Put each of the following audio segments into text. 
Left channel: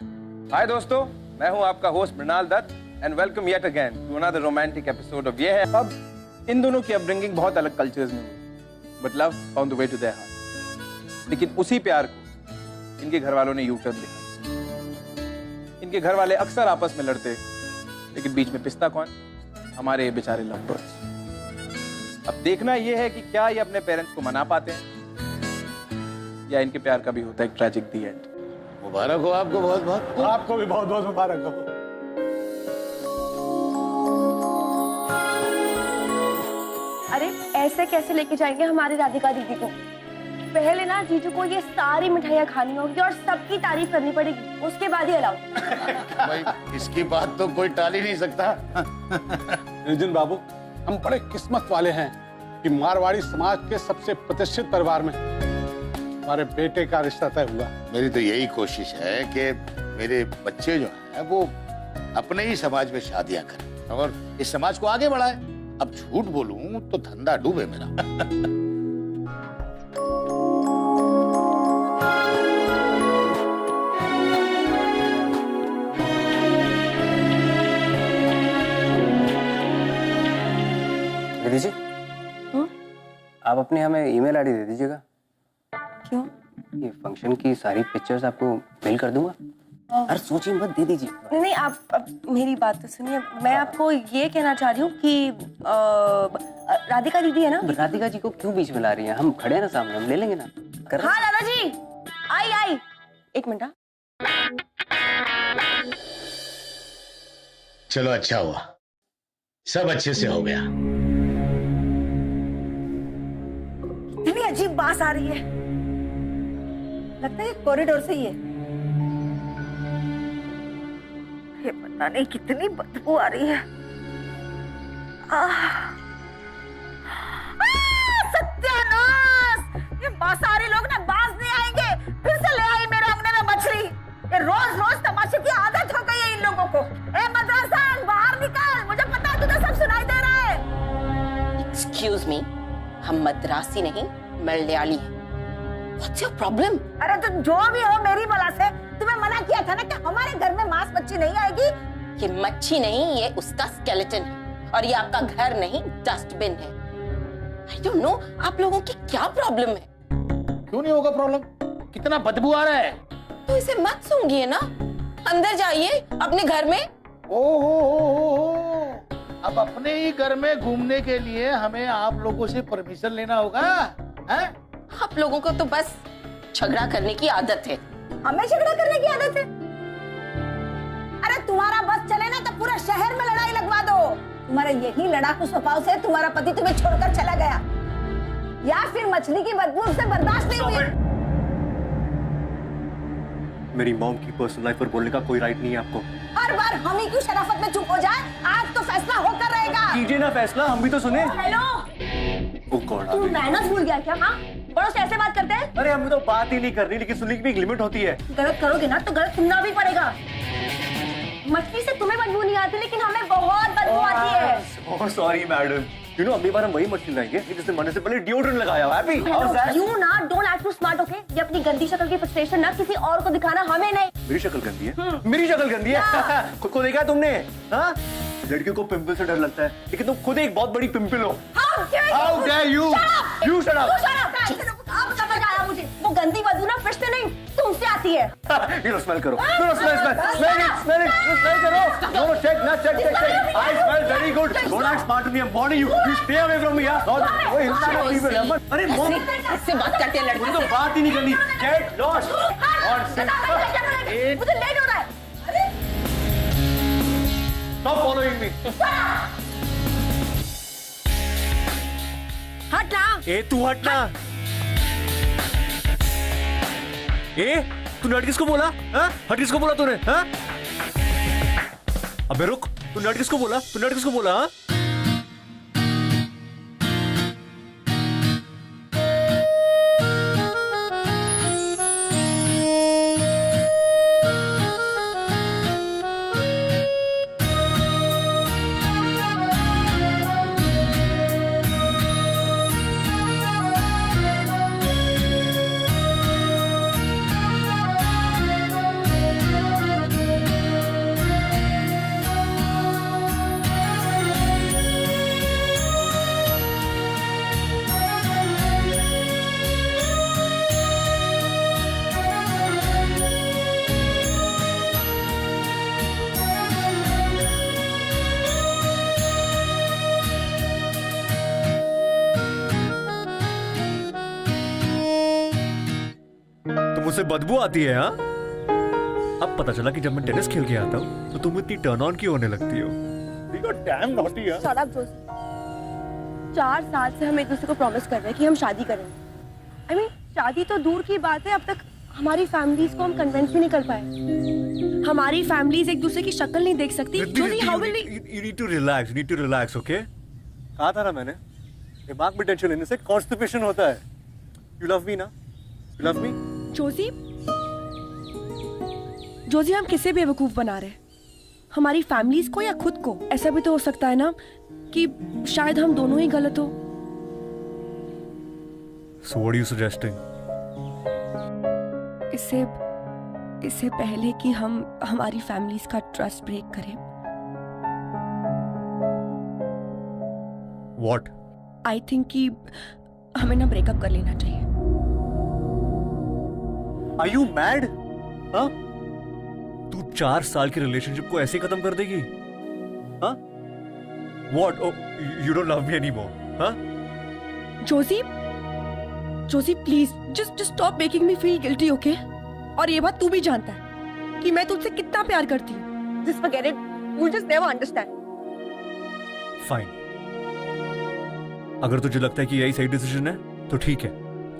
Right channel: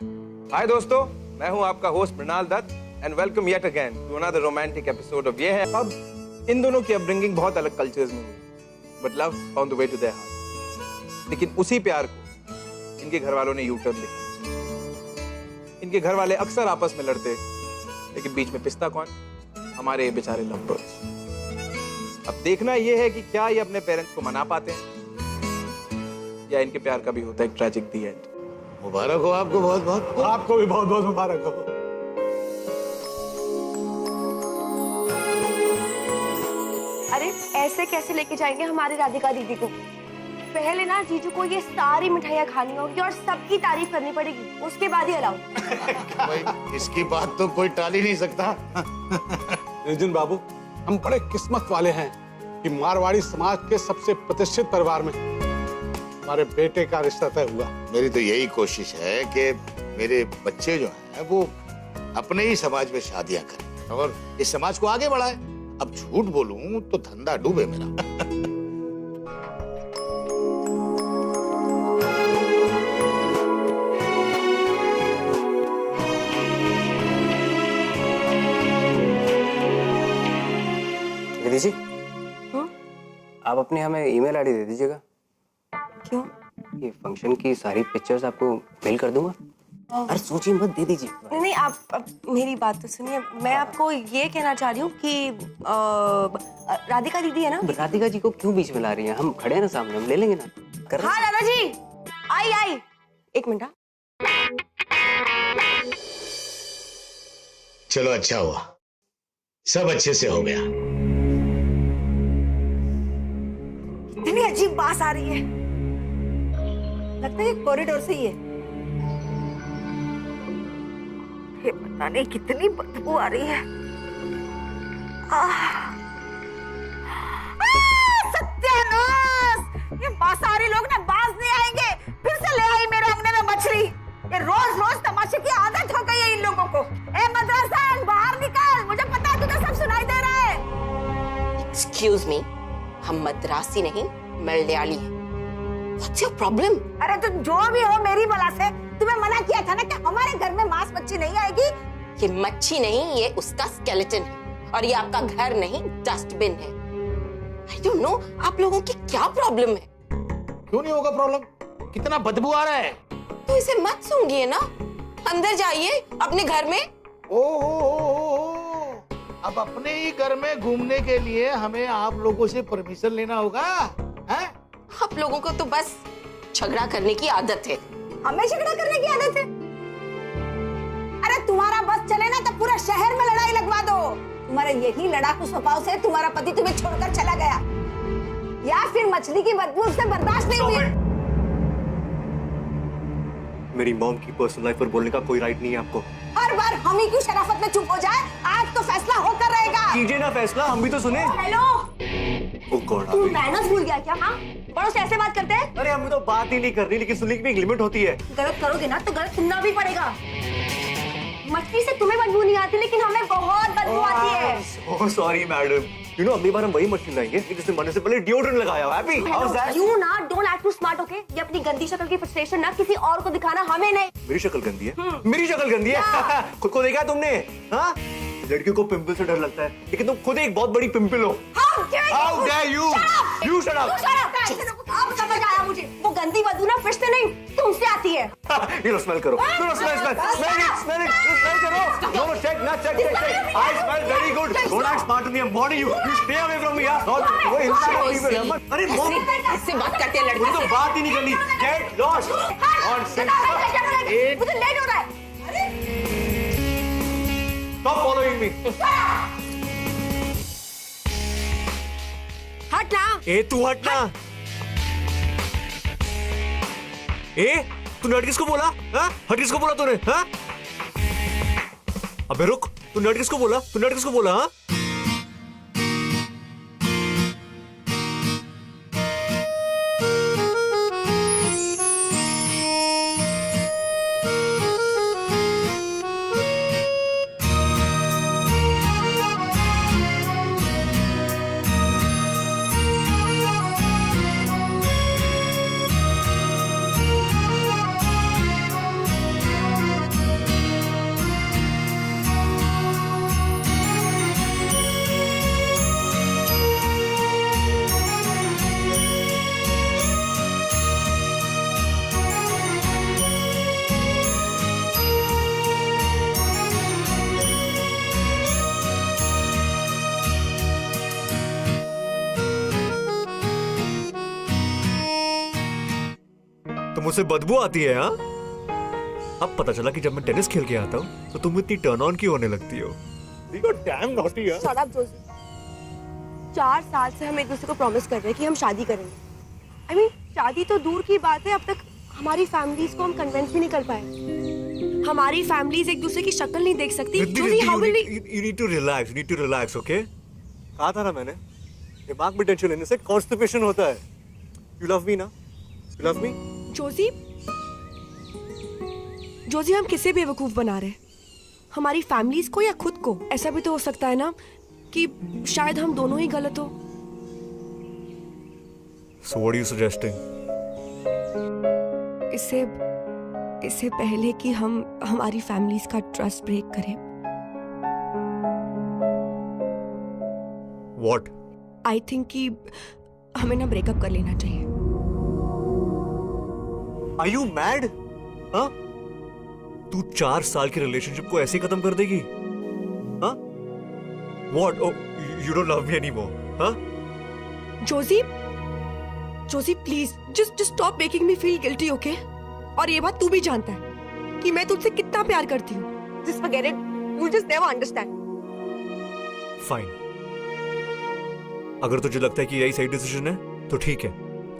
हाय दोस्तों, मैं हूं आपका host Mrinal Dutt and welcome yet again to another romantic episode of ये है। अब इन दोनों की अपब्रिंगिंग बहुत अलग कल्चर्स में हुई, but love found the way to their heart. लेकिन उसी प्यार को इनके घर वालों ने यू टर्न दिखाया। इनके घर वाले अक्सर आपस में लड़ते, लेकिन बीच में पिसता कौन? हमारे ये बेचारे लव बर्ड्स। अब देखना यह है कि क्या ये अपने पेरेंट्स को मना पाते हैं या इनके प्यार का भी होता है एक ट्रैजिक दी एंड। मुबारक हो आपको, बहुत बहुत। आपको भी बहुत बहुत मुबारक हो। अरे ऐसे कैसे लेके जाएंगे हमारी राधिका दीदी को? पहले ना जीजू को ये सारी मिठाइयाँ खानी होगी और सबकी तारीफ करनी पड़ेगी, उसके बाद ही अलाउ। भाई इसकी बात तो कोई टाल ही नहीं सकता। नितिन बाबू, हम बड़े किस्मत वाले हैं कि मारवाड़ी समाज के सबसे प्रतिष्ठित परिवार में हमारे बेटे का रिश्ता तय हुआ। मेरी तो यही कोशिश है कि मेरे बच्चे जो हैं वो अपने ही समाज में शादियां करें और इस समाज को आगे बढ़ाएं। अब झूठ बोलूं तो धंधा डूबे मेरा। दीदी जी, आप अपनी हमें ईमेल आईडी दे दीजिएगा। क्यों? ये फंक्शन की सारी पिक्चर्स आपको मेल कर दूंगा। अरे सोचिए मत, दे दीजिए। नहीं नहीं, आप मेरी बात तो सुनिए। मैं आपको ये कहना चाह रही हूँ कि राधिका दीदी है ना, राधिका जी को क्यों बीच में ला रही हैं? हम खड़े हैं ना सामने, हम ले लेंगे ना। कर हाँ दादाजी, आई एक मिनट। चलो अच्छा हुआ, सब अच्छे से हो गया। इतनी अजीब बात आ रही है, लगता है कॉरिडोर से ही है। ये पता नहीं कितनी बदबू आ रही है। सत्यानाश! ये मांसाहारी लोग ना बाज नहीं आएंगे। फिर से ले आई मेरे अंगने में मछली। ये रोज रोज तमाशे की आदत हो गई है इन लोगों को। ए मद्रासा, बाहर निकल, मुझे पता है तुझे सब सुनाई दे रहा है। एक्सक्यूज मी, हम मद्रासी नहीं मलयाली हैं। What's your problem? अरे तो जो भी हो, मेरी बला से तुम्हें मना किया था ना कि हमारे घर में मांस मच्छी नहीं आएगी। ये मच्छी नहीं, ये उसका स्केलेटन है और ये आपका घर नहीं, डस्टबिन है। I don't know, आप लोगों की क्या प्रॉब्लम है? क्यों नहीं होगा प्रॉब्लम? कितना बदबू आ रहा है। तो इसे मत सूंघिए ना, अंदर जाइए अपने घर में। ओहो, अब अपने ही घर में घूमने के लिए हमें आप लोगों से परमिशन लेना होगा, हैं? आप लोगों को तो बस झगड़ा करने की आदत है। हमें झगड़ा करने की आदत है? अरे तुम्हारा बस चले ना तो पूरा शहर में लड़ाई लगवा दो। तुम्हारे यही लड़ाकू स्वभाव से तुम्हारा पति तुम्हें छोड़कर चला गया, या फिर मछली की बदबू से बर्दाश्त नहीं हुई। मेरी मॉम की पर्सनल लाइफ पर बोलने का कोई राइट नहीं है आपको। हर बार हम ही क्यों शराफत में चुप हो जाए? आज तो फैसला होकर रहेगा। कीजिए ना फैसला, हम भी तो सुने। हेलो, ओह गॉड, तू मैनर्स भूल गया क्या? हाँ, बड़ों से ऐसे बात करते हैं? अरे हमें तो बात ही नहीं करनी, लेकिन सुनने की भी एक लिमिट होती है। गलत करोगे ना तो गलत सुनना भी पड़ेगा। मछली से तुम्हें बदबू नहीं आती, लेकिन हमें बहुत बदबू आती है। सॉरी मैडम, यू नो अगली बार हम वही मछली लाएंगे जिसने मरने से पहले डिओड्रेंट लगाया। Happy? How is that? You ना don't act too smart, okay? ये अपनी गंदी शक्ल की फ्रस्ट्रेशन ना किसी और को दिखाना, हमें नहीं। मेरी शक्ल गंदी है? मेरी शक्ल गंदी है? खुद को देखा है तुमने? हाँ, लड़कियों को पिंपल से डर लगता है, लेकिन तुम खुद एक बहुत बड़ी पिंपल हो। How dare you? You shut up! अब समझ आया मुझे, वो गंदी बदबू ना फिश से नहीं तुमसे आती है। ये लो स्मेल करो, लो स्मेल करो। नो चेक ना, check. I smell very good. Don't act smart to me. I'm warning you. You stay away from me. वो हिलता है people है। अरे मॉम, इससे बात करते हैं लड़की तो से। बात ही नहीं करनी। Get lost. On 6, 8. मुझे लेट हो रहा है। Stop following me. हट ना। ए तू हटना। ए तूने हट किसको बोला? हाँ? हट किसको बोला तूने? हाँ? अबे रुक, तूने हट किसको बोला? तूने हट किसको बोला? हाँ? तो मुझसे बदबू आती है? हाँ, अब पता चला कि जब मैं टेनिस खेल के आता हूँ तो तुम इतनी टर्न ऑन क्यों होने लगती हो? डैम नॉटी यार। Shut up Joshi. 4 साल से हम एक दूसरे को प्रॉमिस कर रहे हैं कि हम शादी करेंगे। I mean, शादी तो दूर की बात है, अब तक हमारी फैमिलीज को हम कन्विंस भी नहीं कर पाए। हमारी फैमिलीज एक दूसरे की शक्ल नहीं देख सकती। Joshi, how will we? You need to relax. You need to relax, okay? कहा था ना मैंने, दिमाग में टेंशन लेने से कॉन्स्टिपेशन होता है। You love me ना? You love me? Joshi, Joshi, हम किसे बेवकूफ बना रहे हैं? हमारी फैमिलीज को या खुद को? ऐसा भी तो हो सकता है ना कि शायद हम दोनों ही गलत हो। So what are you suggesting? इससे पहले कि हम हमारी फैमिलीज का ट्रस्ट ब्रेक करें, What? आई थिंक कि हमें ना ब्रेकअप कर लेना चाहिए। Are you mad? हाँ? तू 4 साल की रिलेशनशिप को ऐसे ही खत्म कर देगी? हाँ? What? Oh, you don't love me anymore? हाँ? Joshi please just stop making me feel guilty, okay? और ये बात तू भी जानता है कि मैं तुझसे कितना प्यार करती हूँ। Just forget it, you just never understand. Fine. अगर तुझे लगता है कि यही सही डिसीजन है तो ठीक है,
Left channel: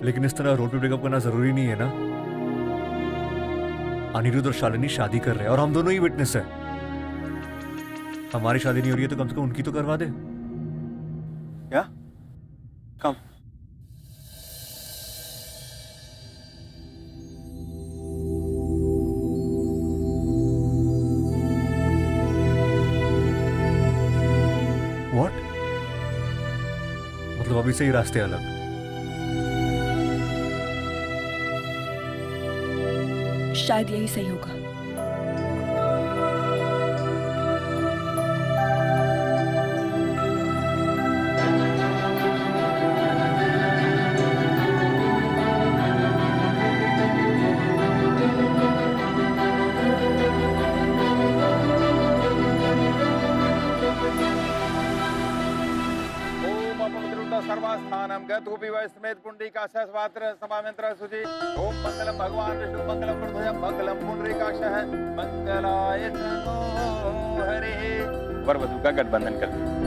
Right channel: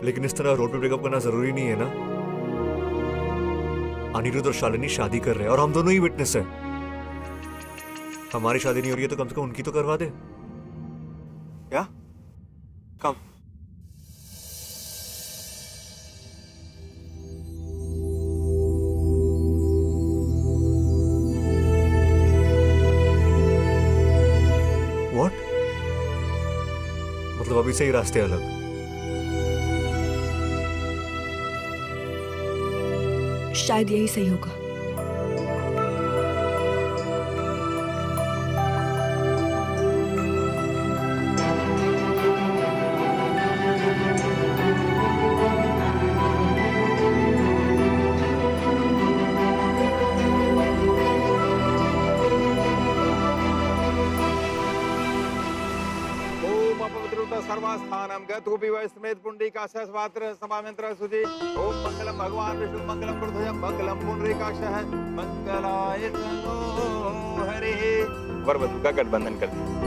लेकिन इस तरह रोड पे ब्रेकअप करना जरूरी नहीं है ना। अनिरुद्ध और शालिनी शादी कर रहे हैं और हम दोनों ही विटनेस है। हमारी शादी नहीं हो रही है तो कम से कम उनकी तो करवा दे। क्या? कम। What? मतलब अभी से ही रास्ते अलग। शायद यही सही होगा। ओम अपवित्रता सर्वस्थानम गतुपि वैस्मेत पुंडरीकाक्षः स्वात्र समामंत्र सुचि। ओम मंगलम भगवान विष्णु मंगलम कृतय मंगलम पुंडरीकाक्षः मंगलाय तनो हरिः। वर वधु का गठबंधन कर दिया।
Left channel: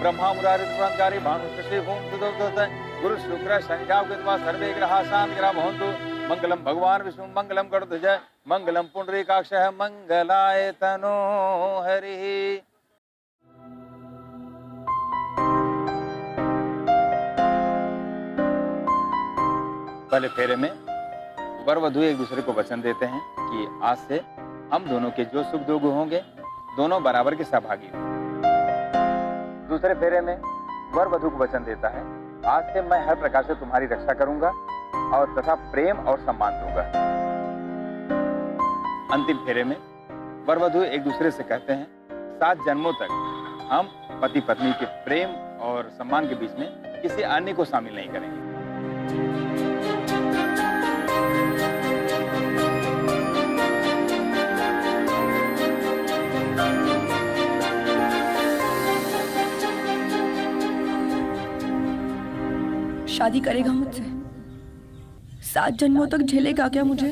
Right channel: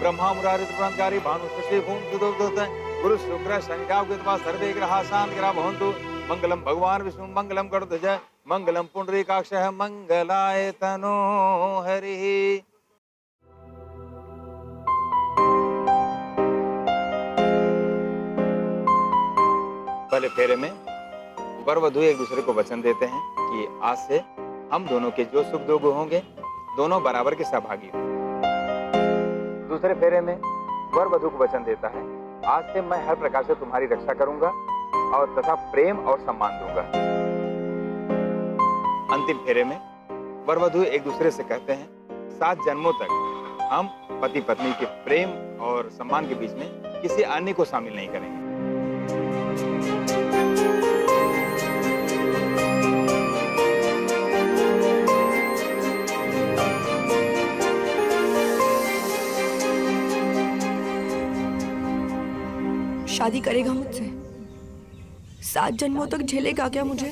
ब्रह्मा मुरारी त्रिपुरांतकारी भानु शशि भूम सुदोदत गुरु शुक्र संख्या कृत्वा सर्वे ग्रहा शांत ग्रह भवन्तु। मंगलम भगवान विष्णु मंगलम गरुड़ध्वज मंगलम पुंडरीकाक्षः मंगलाय तनो हरिः। पहले फेरे में वर वधु एक दूसरे को वचन देते हैं कि आज से हम दोनों के जो सुख दुख होंगे दोनों बराबर के सहभागी होंगे। दूसरे फेरे में वर वधु को वचन देता है, आज से मैं हर प्रकार से तुम्हारी रक्षा करूंगा और तथा प्रेम और सम्मान दूंगा। अंतिम फेरे में वर वधु एक दूसरे से कहते हैं, 7 जन्मों तक हम पति पत्नी के प्रेम और सम्मान के बीच में किसी अन्य को शामिल नहीं करेंगे। शादी करेगा मुझसे? 7 जन्मों तक झेलेगा क्या मुझे?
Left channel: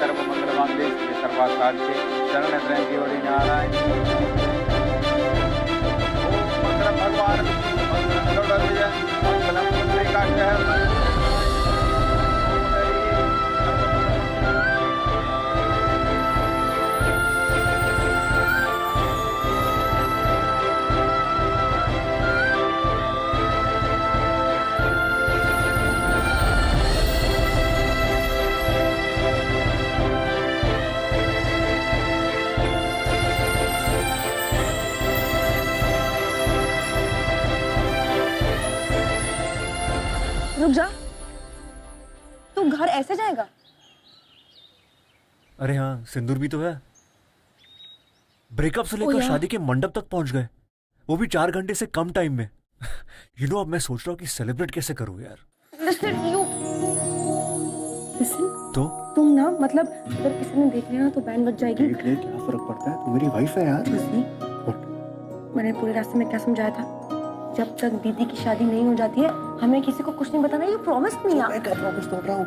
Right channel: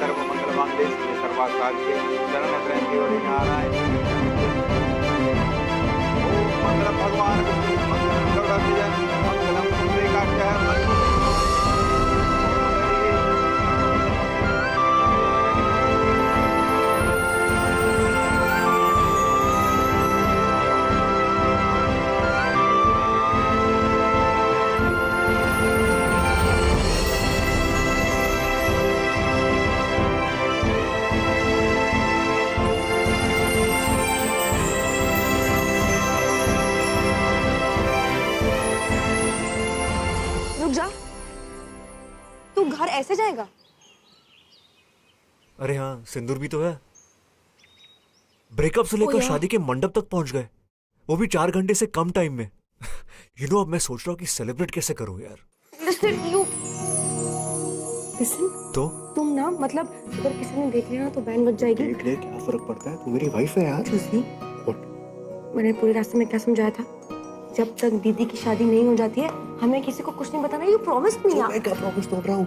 सर्व मंगल मांगल्ये शिवे सर्वार्थसाधिके शरण्य त्र्यंबके गौरी नारायणी नमोस्तुते। ओम मंगलम भगवान विष्णु मंगलम गरुड़ध्वज मंगलम पुंडरीकाक्षः रुक जा, तू घर ऐसे जाएगा? अरे हाँ, सिंदूर भी तो है। ब्रेकअप से लेकर यार। शादी के मंडप तक पहुंच गए, वो भी 4 घंटे से कम टाइम में। यू नो, अब मैं सोच रहा हूँ कि सेलिब्रेट कैसे करूँ यार। लिसन तो तुम ना, मतलब अगर किसी ने देख लिया ना तो बैन बज जाएगी। देख ले, क्या फर्क पड़ता है, तू मेरी वाइफ है यार। जोशी, मैंने पूरे रास्ते में क्या समझाया था? जब तक दीदी की शादी नहीं हो जाती है हमें किसी को कुछ नहीं बताना। यू प्रॉमिस मी यार। मैं क्या प्रॉमिस तोड़ रहा हूँ?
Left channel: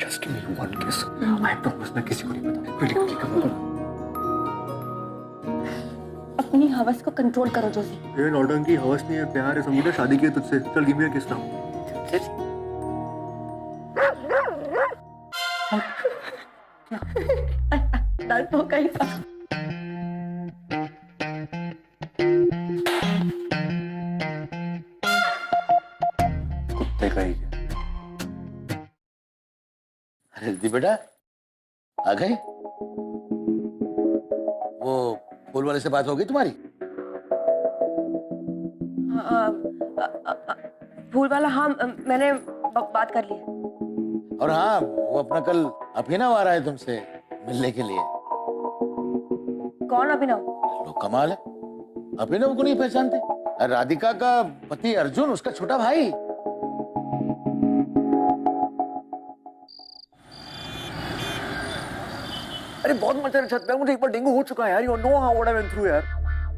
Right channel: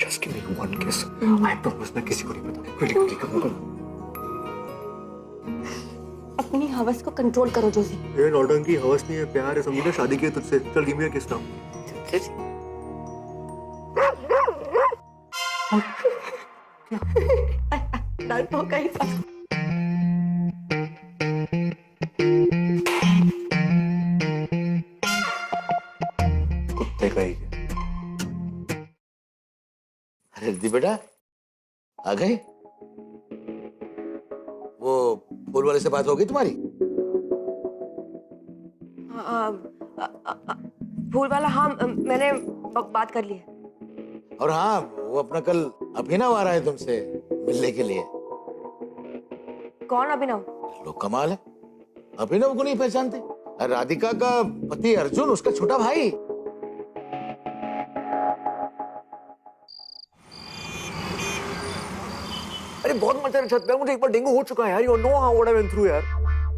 जस्ट गिव मी वन किस। आई प्रॉमिस मैं किसी को नहीं बताऊंगा। Quickly come on. अपनी हवस को कंट्रोल करो जोशी। ये नौटंकी हवस नहीं है, प्यार है, समझी ना? शादी की है तुझसे। चल गिव मी अ किस नाउ। डर तो कहीं था। कुत्ते का ही है। अरे रिद्धि बेटा, आ गई? वो फूल वाले से बात हो गई तुम्हारी? फूल वाला, हाँ मैंने बात कर ली है। और हाँ, वो अपना कल अभिनव आ रहा है तुमसे मिलने के लिए। कौन अभिनव? लोग कमाल है, अभिनव को नहीं पहचानते? अरे राधिका का पति अर्जुन, उसका छोटा भाई। अरे बहुत मजा है छत पे, मुझे एक बार डेंगू हो चुका है यार। You know how what I went through यार।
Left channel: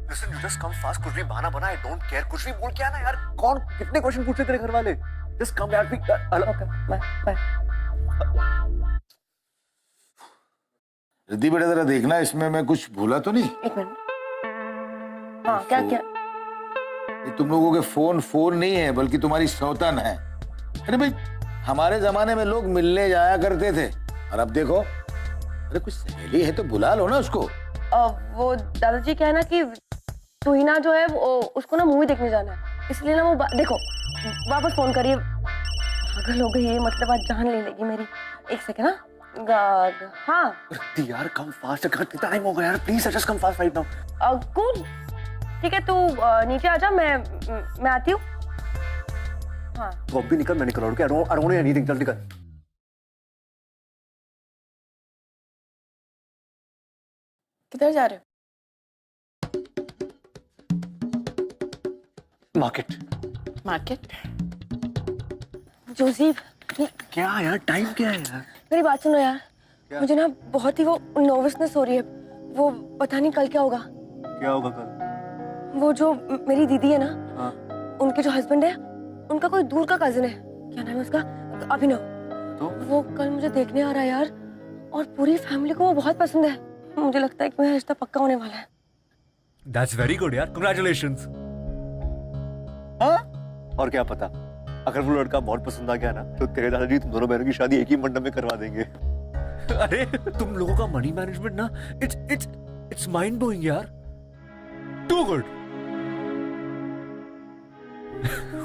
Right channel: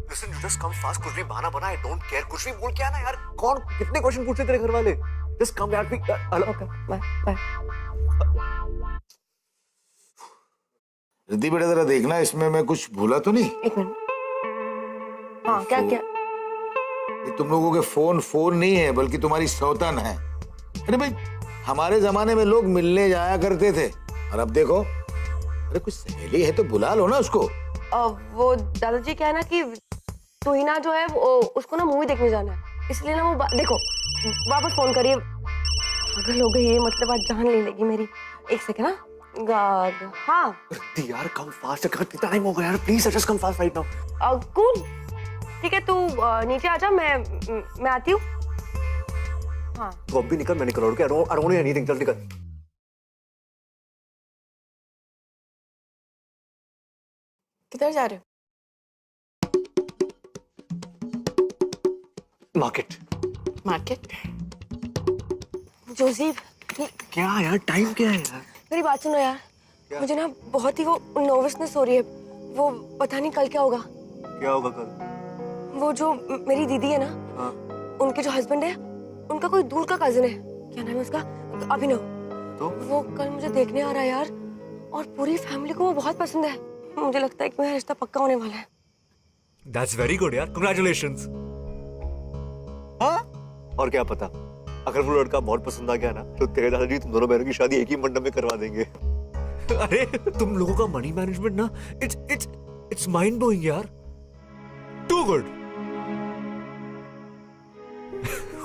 Listen, you just come fast, कुछ भी बहाना बना, आई डोंट केयर। कुछ भी बोल के आना यार। कौन कितने क्वेश्चन पूछते तेरे घर वाले? जस्ट कम यार। Okay bye bye. रिद्धि बेटा, जरा देखना इसमें मैं कुछ भूला तो नहीं। एक मिनट। हाँ क्या क्या? ये तुम लोगों के फोन नहीं है, बल्कि तुम्हारी सौतन है। अरे भाई, हमारे जमाने में लोग मिलने जाया करते थे, और अब देखो। अरे कुछ सहेली है तो बुला लो ना उसको। वो दादाजी क्या है ना कि तुहिना जो है वो उसको ना मूवी देखने जाना है, इसलिए ना वो देखो वापस फोन करिए। पागल हो गई ये, मतलब आज जान ले लेगी मेरी। एक सेकंड ना। हाँ यार कम फास्ट, कितना टाइम हो गया यार। Please just come fast right now. Cool, ठीक है तू नीचे आ जा, मैं आती हूँ। हाँ तो अब भी निकल, मैं निकल रहा हूँ। आई डोंट नीड एनीथिंग, चल निकल। किधर जा रहे हो? मार्केट? जोसेफ, क्या यार, टाइम क्या है यार? मेरी बात सुनो यार। मुझे ना बहुत ही वो नर्वसनेस हो रही है। वो पता नहीं कल क्या होगा। क्या होगा कल? वो जो मेरी दीदी है ना, हाँ। उनके जो हस्बैंड है, उनका कोई दूर का कजिन है। क्या नाम है उसका? अभिनव। तो वो कल मुझे देखने आ रहा है यार, और पूरी फैमिली को वो बहुत पसंद है। मुझे लगता है कि मेरा रिश्ता पक्का होने वाला है। That's very good यार, congratulations। हाँ? और क्या पता, अगर वो लड़का बहुत पसंद आ गया ना, तो तेरे दादाजी तुम दोनों बहनों की शादी एक ही मंडप में करवा देंगे। अरे तुम लोगों का मनी मैनेजमेंट ना, इट्स माइंड ब्लोइंग यार। Too good.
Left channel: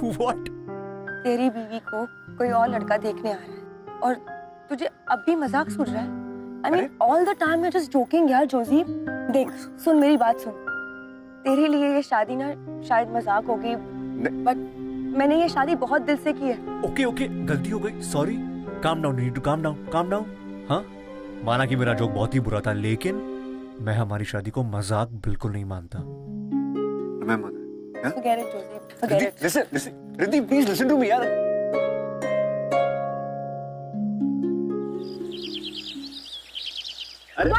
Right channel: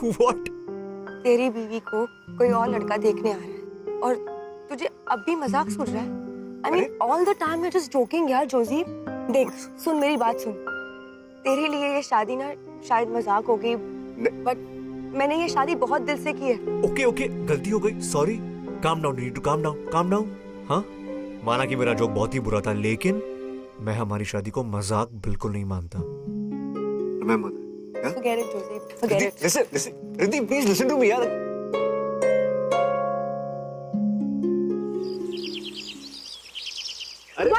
व्हाट? तेरी बीवी को कोई और लड़का देखने आ रहा है और तुझे अब भी मजाक सूझ रहा है? I mean, all the time you're just joking यार जोशी। देख सुन मेरी बात सुन। तेरे लिए ये शादी ना शायद मजाक होगी, बट मैंने ये शादी बहुत दिल से की है। ओके, गलती हो गई, sorry. Calm down, need to calm down. हाँ, माना कि मेरा जोक बहुत ही बुरा था, लेकिन मैं हमारी शादी को मजाक बिल्कुल नहीं मानता। Forget it, Josie. Forget it. Listen, Riddhi, please listen to me यार। अरे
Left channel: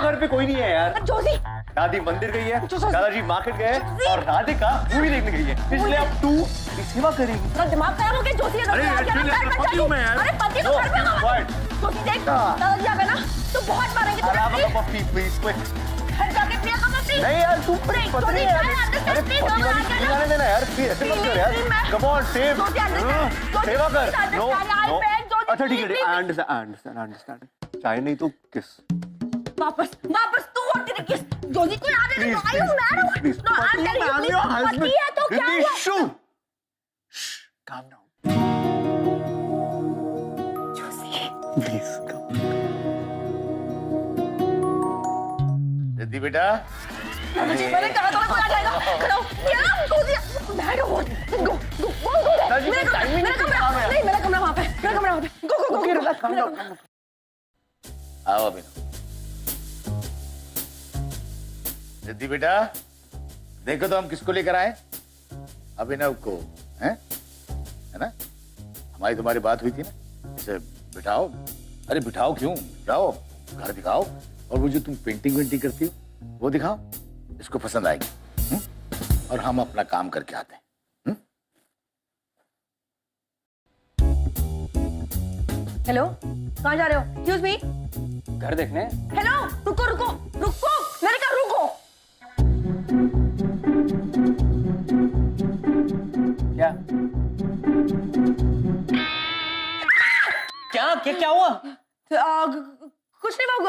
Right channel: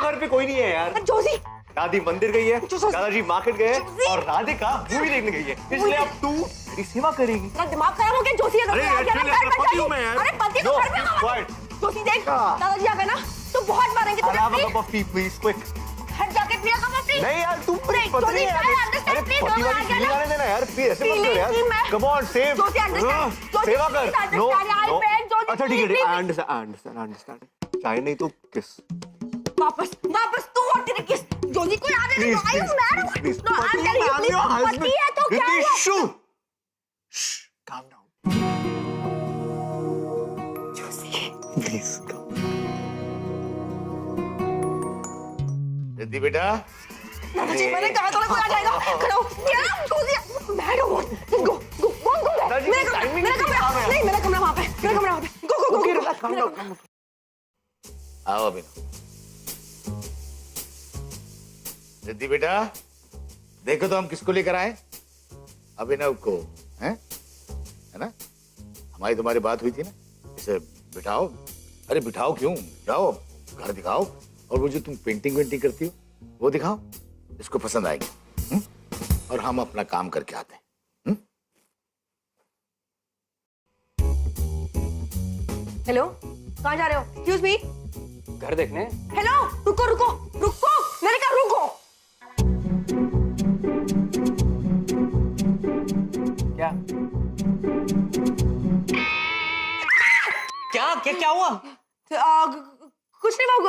घर पे कोई नहीं है यार। जोशी, दादी मंदिर गई है, दादाजी मार्केट गए और राधिका मूवी देखने गई है, इसलिए अब तू मेरी सेवा करेगी। तेरा दिमाग खराब हो गया जोशी। अरे यार, पति हूँ मैं यार। अरे पति को घर पे आवा। जोशी देख, दादाजी आ गए ना तो बहुत मारेंगे तुझे। Have a cup of tea, please, quick। घर जाके पिया कप ऑफ टी। नहीं यार, तू पत्नी है यार। अरे पति वाली फीलिंग आने देना यार, प्लीज ऐसे मत कर यार। Come on, save। सेवा कर। No। अच्छा ठीक है, I understand। चाय नहीं तो किस। वापस तू और तेरी किस जोजी को आने दे। आई हूं मैं। Please, no I am telling you पति है तो क्या हुआ? Calm down। Please, come। Riddhi बेटा, जी मैंने कहा था ना कोई आ जाएगा। खड़ो क्या जोजी बैठो। गो मेरा कमरा नहीं, मेरा कमरा वहां पे। आओ अभिनव। रिद्धि बेटा, देखो तो हम किसको लेकर आए? अभिनव को, है ना? हमारी तुम्हारी बात हुई थी ना, इसे बिठाओ। अरे बिठाओ क्यों, जाओ घर दिखाओ, और वो जो तुम पेंटिंग वेंटिंग करती हो वो दिखाओ, इसको पसंद आएगी। और हम अपना काम करके आते हैं। हेलो, कहाँ जा रहे हो? Excuse me. घर देखने। हेलो, रुको रुको रुको, मैंने कहा रुको। क्या क्या क्या क्या हुआ? कुछ नहीं बाबू,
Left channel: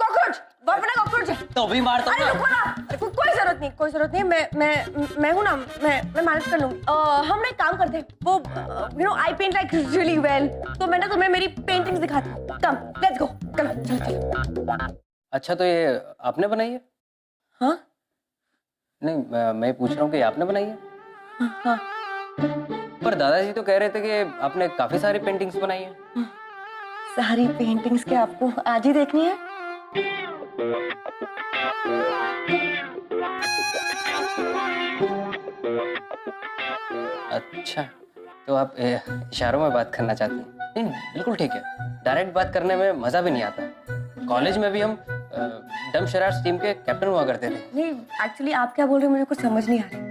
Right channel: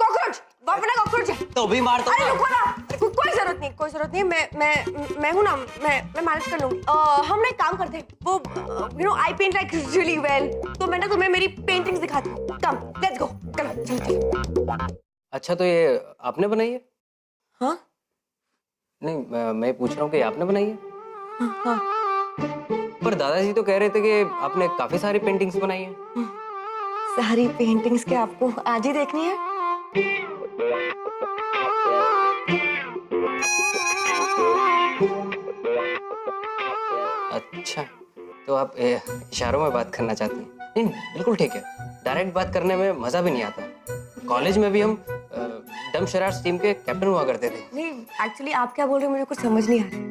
कॉकरोच, बना कॉकरोच है। तो भी मार तो। अरे रुको ना, कोई जरूरत नहीं, मैं हूँ ना, मैं मैनेज कर लूंगी। हम ना एक काम करते हैं, वो आई पेंट लाइक रियली वेल, तो मैं ना तुम्हें मेरी पेंटिंग्स दिखाती हूँ। कम, लेट्स गो, चलो। अच्छा, तो ये आपने बनाई है? हाँ नहीं, मैं पूछ रहा हूँ कि आपने बनाई है? हाँ। पर दादाजी तो कह रहे थे कि आपने काफी सारी पेंटिंग्स बनाई हैं। सारी पेंटिंग्स के आपको आज ही देखनी है? अच्छा, तो आप इशारों में बात करना चाहती हैं? नहीं, बिल्कुल ठीक है। डायरेक्ट बात करने में मजा भी नहीं आता। कॉलेज में भी हम डम शरारत टीम के कैप्टन हुआ करते थे। नहीं, एक्चुअली आप क्या बोल रहे हो मुझे कुछ समझ नहीं आ रहा है।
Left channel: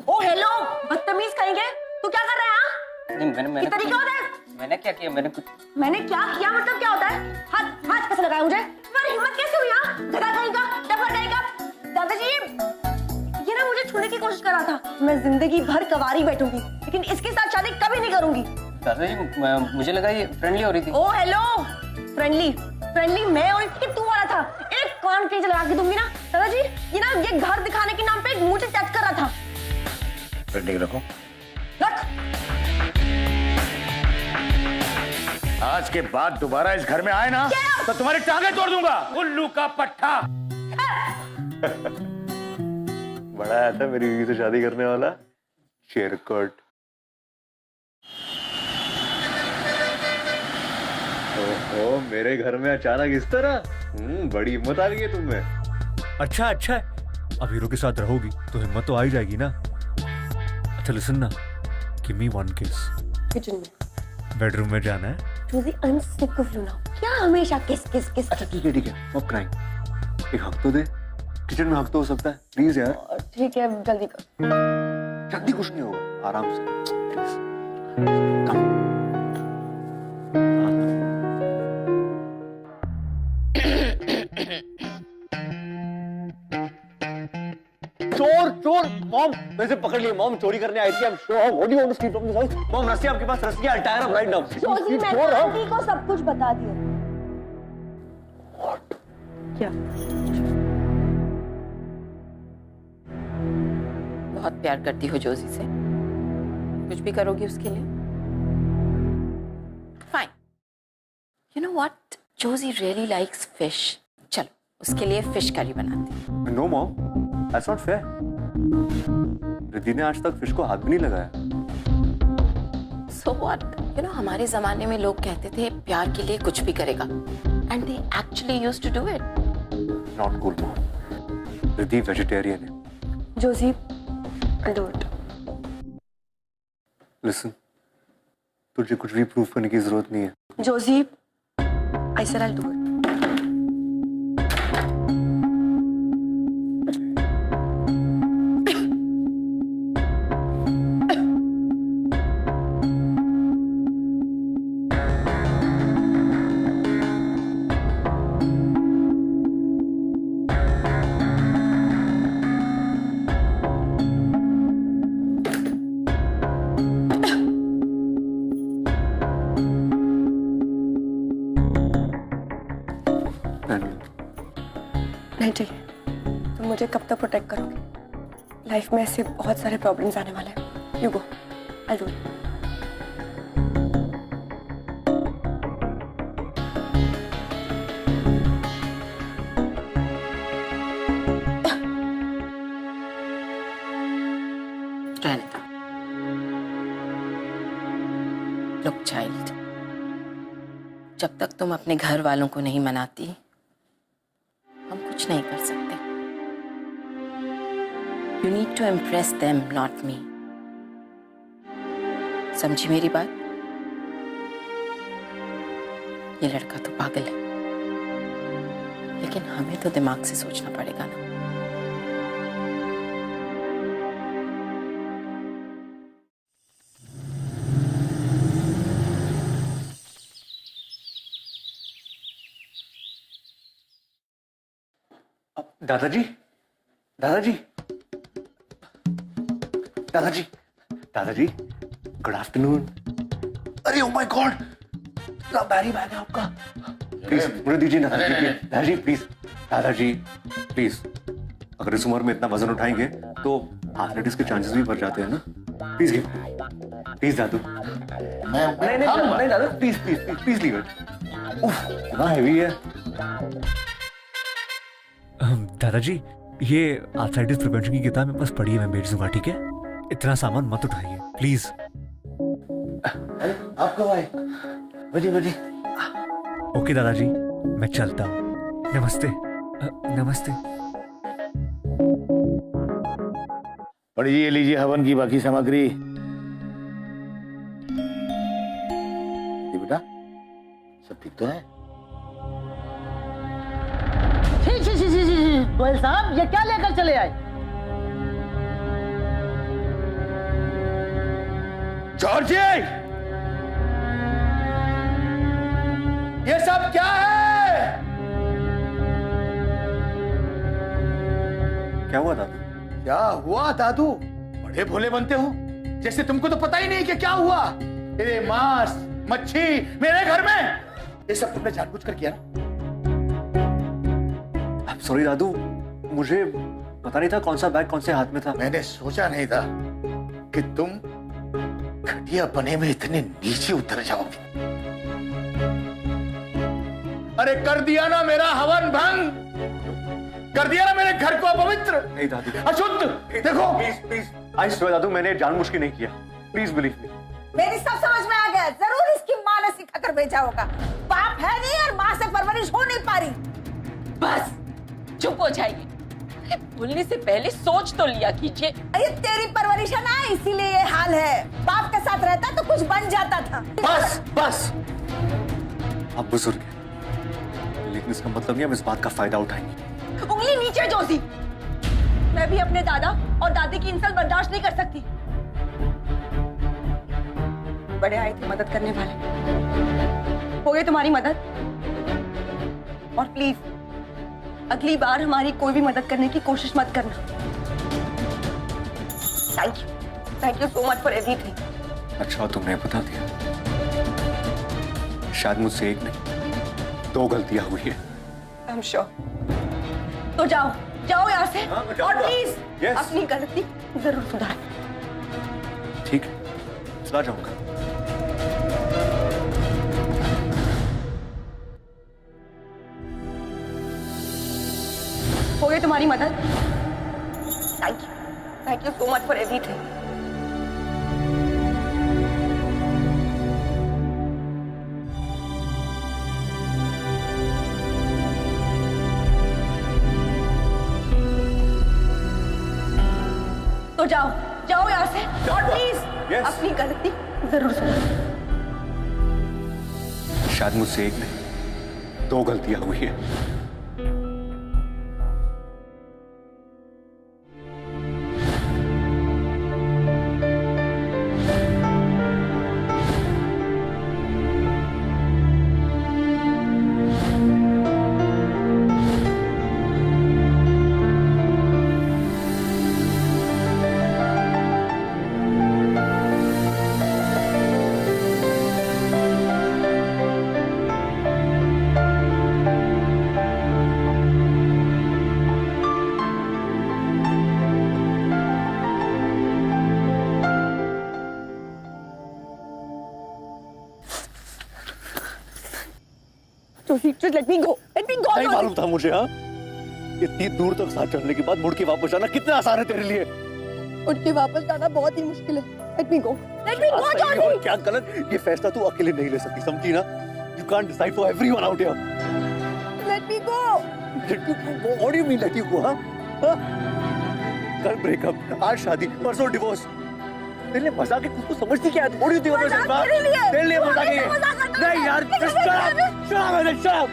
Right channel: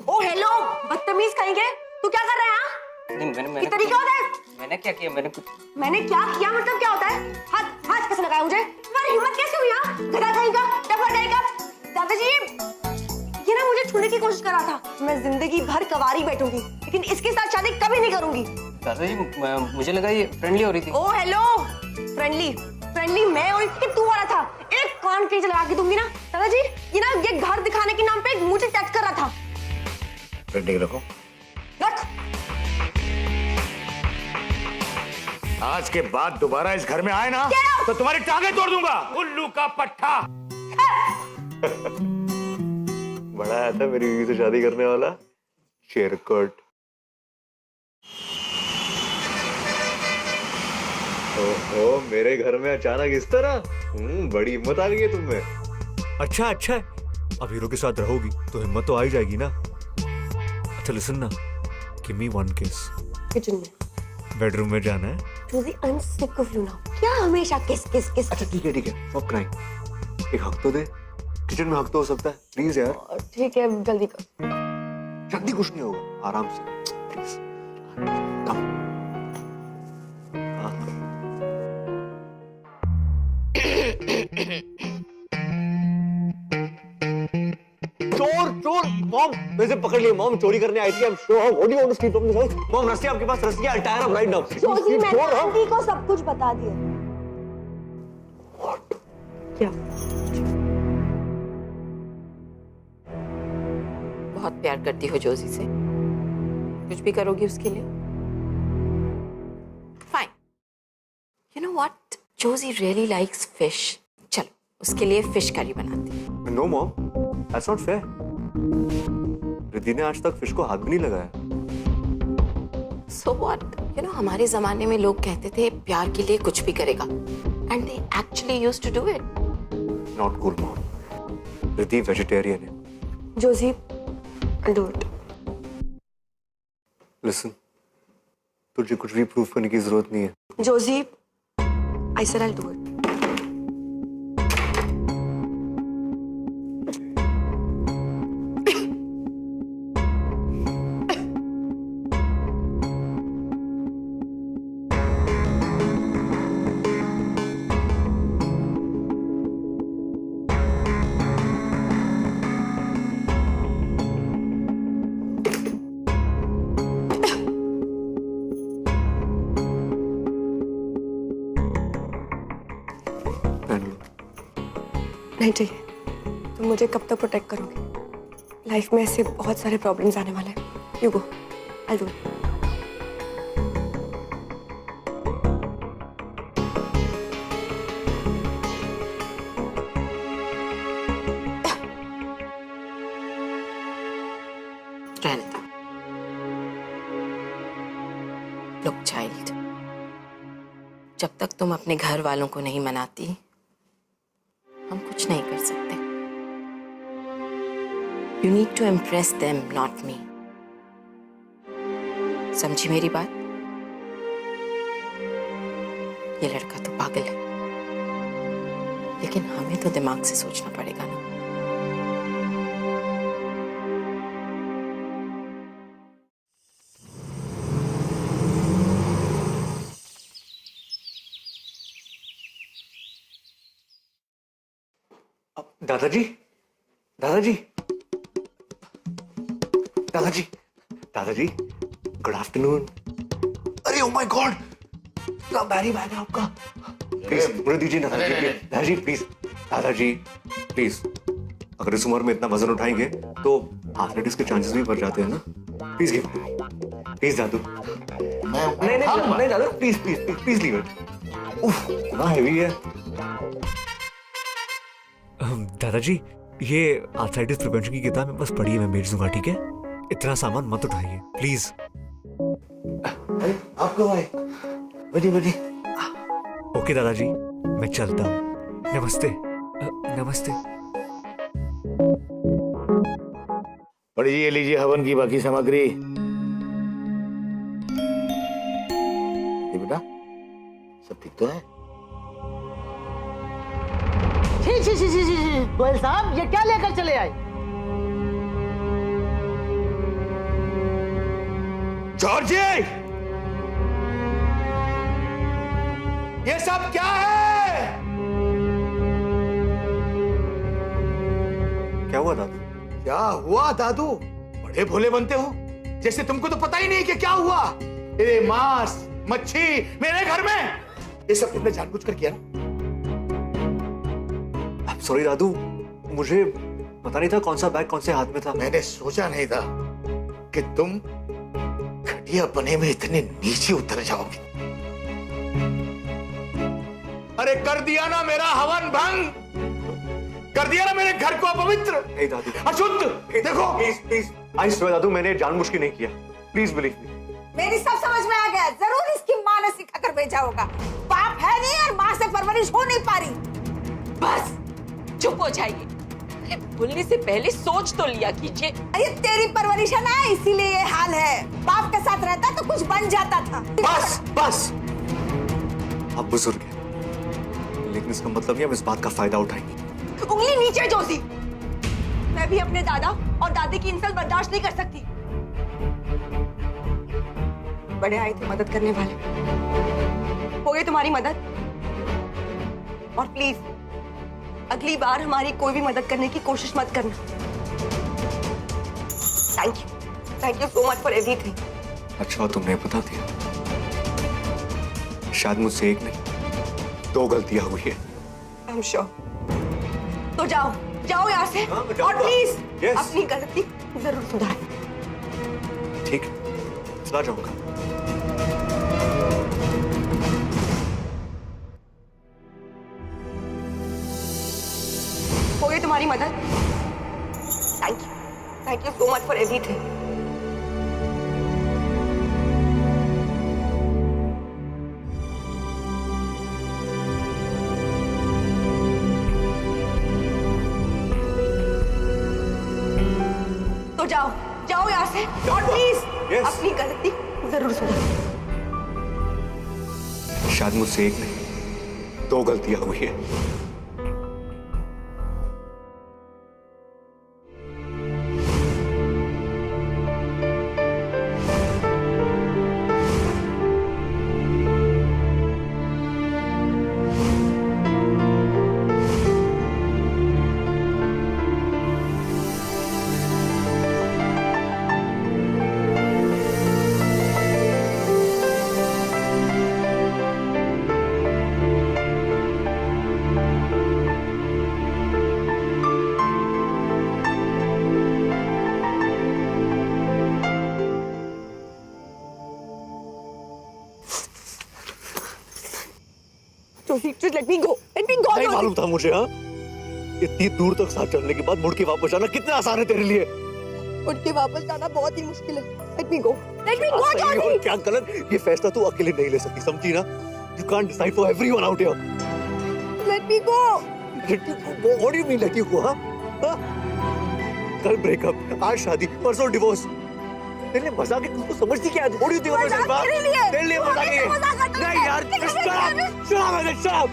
ओ हेलो, बदतमीज कहेंगे, तू क्या कर रहा है? नहीं, मैंने ये तरीका होता है? मैंने क्या किया? मैंने क्या किया मतलब क्या होता है? हाथ कैसे लगाया मुझे? तुम्हारी हिम्मत कैसे हुई? गधा कहेगा, डफर कहेगा। दादाजी, ये ना मुझे छूने की कोशिश कर रहा था। मैं जिंदगी भर कवारी बैठूंगी, लेकिन इसके साथ शादी कभी नहीं करूंगी। दादाजी, मुझे लगा ये फ्रेंडली हो रही थी। ओ हेलो, फ्रेंडली मैं और तू हो रहा था। एक कान के नीचे लगा के दूंगी ना दादाजी। ये घर दिखाने के नाम पे मुझे टच कर रहा था। पेंटिंग रखो। रख। आज के बाद दोबारा इस घर में आए ना तो तुम्हारी टांगे तोड़ दूंगा, उल्लू का पट्टा। बड़ा आया था मेरी बीवी से शादी करने वाला शेरकोट। ओहो, मेरे घर में अचानक इस तरह? बड़ी हिम्मत आ गई है तुम में। अच्छा है। अब हीरो के साथ रहोगी तो हिम्मत तो आ ही जाएगी ना। अच्छा लिसन ना, गिव मी वन किस। किचन में, बेडरूम में जाना है। Josie, I'm sick of you now. क्या हमेशा किस। अच्छा ठीक है, स्टॉप क्राइंग। एक हक तो दे, किचन में हक तो हो सकता है, प्लीज यार। ठीक है, जल्दी कर। जल्दी कुछ नहीं होगा, आराम से प्लीज। कम। चोर मॉम, वैसे पकड़ लिए। मॉम चोरी करने आई थी। I'm sure. What do you want to steal from this house? Mom, रस्सी आपके पास, रस्सी है। I'll tie her up right now. Josie, मैंने आंटी को सब कुछ बता दिया। क्या? बहुत प्यार करती हो जोजी से, कुछ भी करोगी उसके लिए? Fine. You know what, Joji really likes fish. चलो उसके लिए फिश करी बनाते हैं। No mom, that's not fair. Riddhi ने आज तक फिश को हाथ भी नहीं लगाया। So what? You know, हमारे जमाने में लोग कहते थे प्यार के लिए कुछ भी करेगा, and they actually used to do it. Not cool mom. Riddhi vegetarian है। Josie, I'll do it. Listen, तुझे कुछ भी प्रूफ करने की जरूरत नहीं है। Josie, I said I'll do it. नहीं चाहिए। तुम मुझे कब तक प्रोटेक्ट करोगे? लाइफ में ऐसे बहुत सारे प्रॉब्लम्स आने वाले हैं। You go, I do it. जब तक तुम अपने घर वालों को नहीं मनाती, हम कुछ नहीं कर सकते। You need to impress them, not me. समझी मेरी बात? ये लड़का तो पागल है, लेकिन हमें तो दिमाग से सोचना पड़ेगा ना। दादाजी, दादाजी, दादाजी, दादाजी, गुड आफ्टरनून। अरे ओ माय गॉड, इतना भारी बैग है आपका। प्लीज मुझे दीजिए ना दादाजी, प्लीज दादाजी, प्लीज। अगर इस उम्र में इतना वजन उठाएंगे तो आर्थराइटिस के चांसेस भी बढ़ जाते हैं ना। प्लीज गिव, प्लीज दादू। नहीं दादा, please please please please leave it. उफ, इतना हैवी है। दादाजी, ये आर्थराइटिस प्रिवेंशन की किताब मेरे पास पड़ी है, मैं भेज दूंगा, ठीक है? इतना सामान मत उठाइए प्लीज। आप कब आए? बड़ी बड़ी। ओके दादाजी, मैं चलता हूँ। नमस्ते। नमस्ते। पढ़िए, लीजिए हवन की बाकी सामग्री। ये बेटा, सब ठीक तो है? गोयल साहब, ये क्या लेकर चले आए? जॉर्जी, ये सब क्या है? क्या हुआ दादू? क्या हुआ दादू? बड़े भोले बनते हो, जैसे तुमको तो पता ही नहीं कि क्या हुआ। ये मांस मच्छी मेरे घर में, ये सब तुमने जानबूझकर किया ना? सॉरी दादू, मुझे पता नहीं था कौन सा बैग कौन से हाथ में था। मैंने सोचा नहीं था कि तुम घटिया बने में इतने नीचे उतर जाओगे। अरे कर दिया ना मेरा हवन भंग, कर दिया ना मेरे घर को अपवित्र, नहीं दादू, अशुद्ध। देखो प्लीज प्लीज, आई स्वेयर दादू, मैंने जानबूझ के नहीं किया। Please believe me. मेरी सब समझ में आ गया। जरूर इसकी माँ ने सिखा कर भेजा होगा। बाप है नहीं और माँ से परवरिश हो नहीं पा रही। बस चुप हो जाइए। अरे बोलने से पहले सोच तो लिया कीजिए। अरे तेरी परवरिश है ना, इसीलिए ये हाल है। बाप के साथ रहता तो कुछ बन जाता था। बस बस, आप बुजुर्ग हैं, लेकिन इसका मतलब नहीं आप इस बात का फायदा उठाएंगे। उंगली नीचे जोशी। मैं भी अपने दादा और दादी की इंसल्ट बर्दाश्त नहीं कर सकती। बड़े आए थे मदद करने वाले, हो गई तुम्हारी मदद। और प्लीज अगली बार हमारी कोई भी मदद करने की कोशिश मत करना। Thank you so much for everything. अच्छा तुमने बता दिया। शायद मुझसे एक नहीं 2 गलतियां हुई है। I am sure. तो जाओ जाओ यहाँ से, हाँ, मैं और जाऊंगा। Please Yes. अपनी गलती जरूर सुधार। ठीक है, चला जाऊंगा। हो गई तुम्हारी मदद। Thank you so much for everything. तो जाओ जाओ यहाँ से, और प्लीज Yes. अपनी गलती जरूर सुधार। शायद मुझसे एक नहीं 2 गलतियां हुई है। Joshi, just let me go. Let me go. नहीं जोशी। मालूम था मुझे। हाँ, इतनी दूर तक साथ चलने के बाद मुड़ के वापस जाना कितना आसान है तेरे लिए। उठ के वापस जाना बहुत ही मुश्किल है। Let me go. Let me go, सही और जोशी। क्या गलत, ये फैसला तू अकेले नहीं ले सकती, समझी ना? You can't decide for everyone out here. Let me go. Let you go? What do you mean let you go? Huh? कल ब्रेकअप, आज शादी, परसों डिवोर्स। तेरे लिए मजाक है, तुझको समझती क्या है? What do you think of yourself? तेरे लिए मजाक है ये? नहीं यार, shut up, shut up, I said shut up.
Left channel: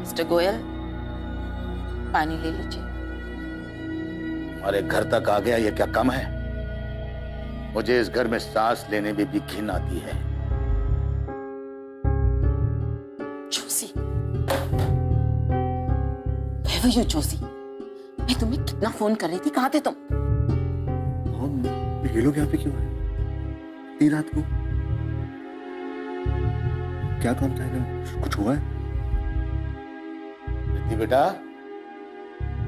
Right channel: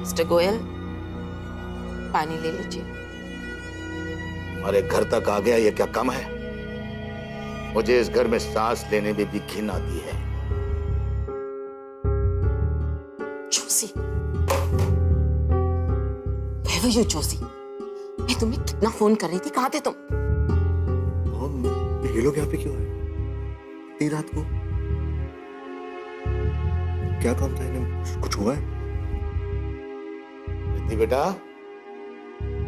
Mister Goyal, पानी ले लीजिए। हमारे घर तक आ गया, ये क्या कम है? मुझे इस घर में सांस लेने में भी घिन आती है। Joshi, Where were you, Joshi? मैं तुम्हें कितना फोन कर रही थी, कहाँ थे तुम? मॉम, ये लोग यहाँ पे क्यों आए? इतनी रात को? क्या काम था इन्हें? कुछ हुआ है? रिद्धि बेटा,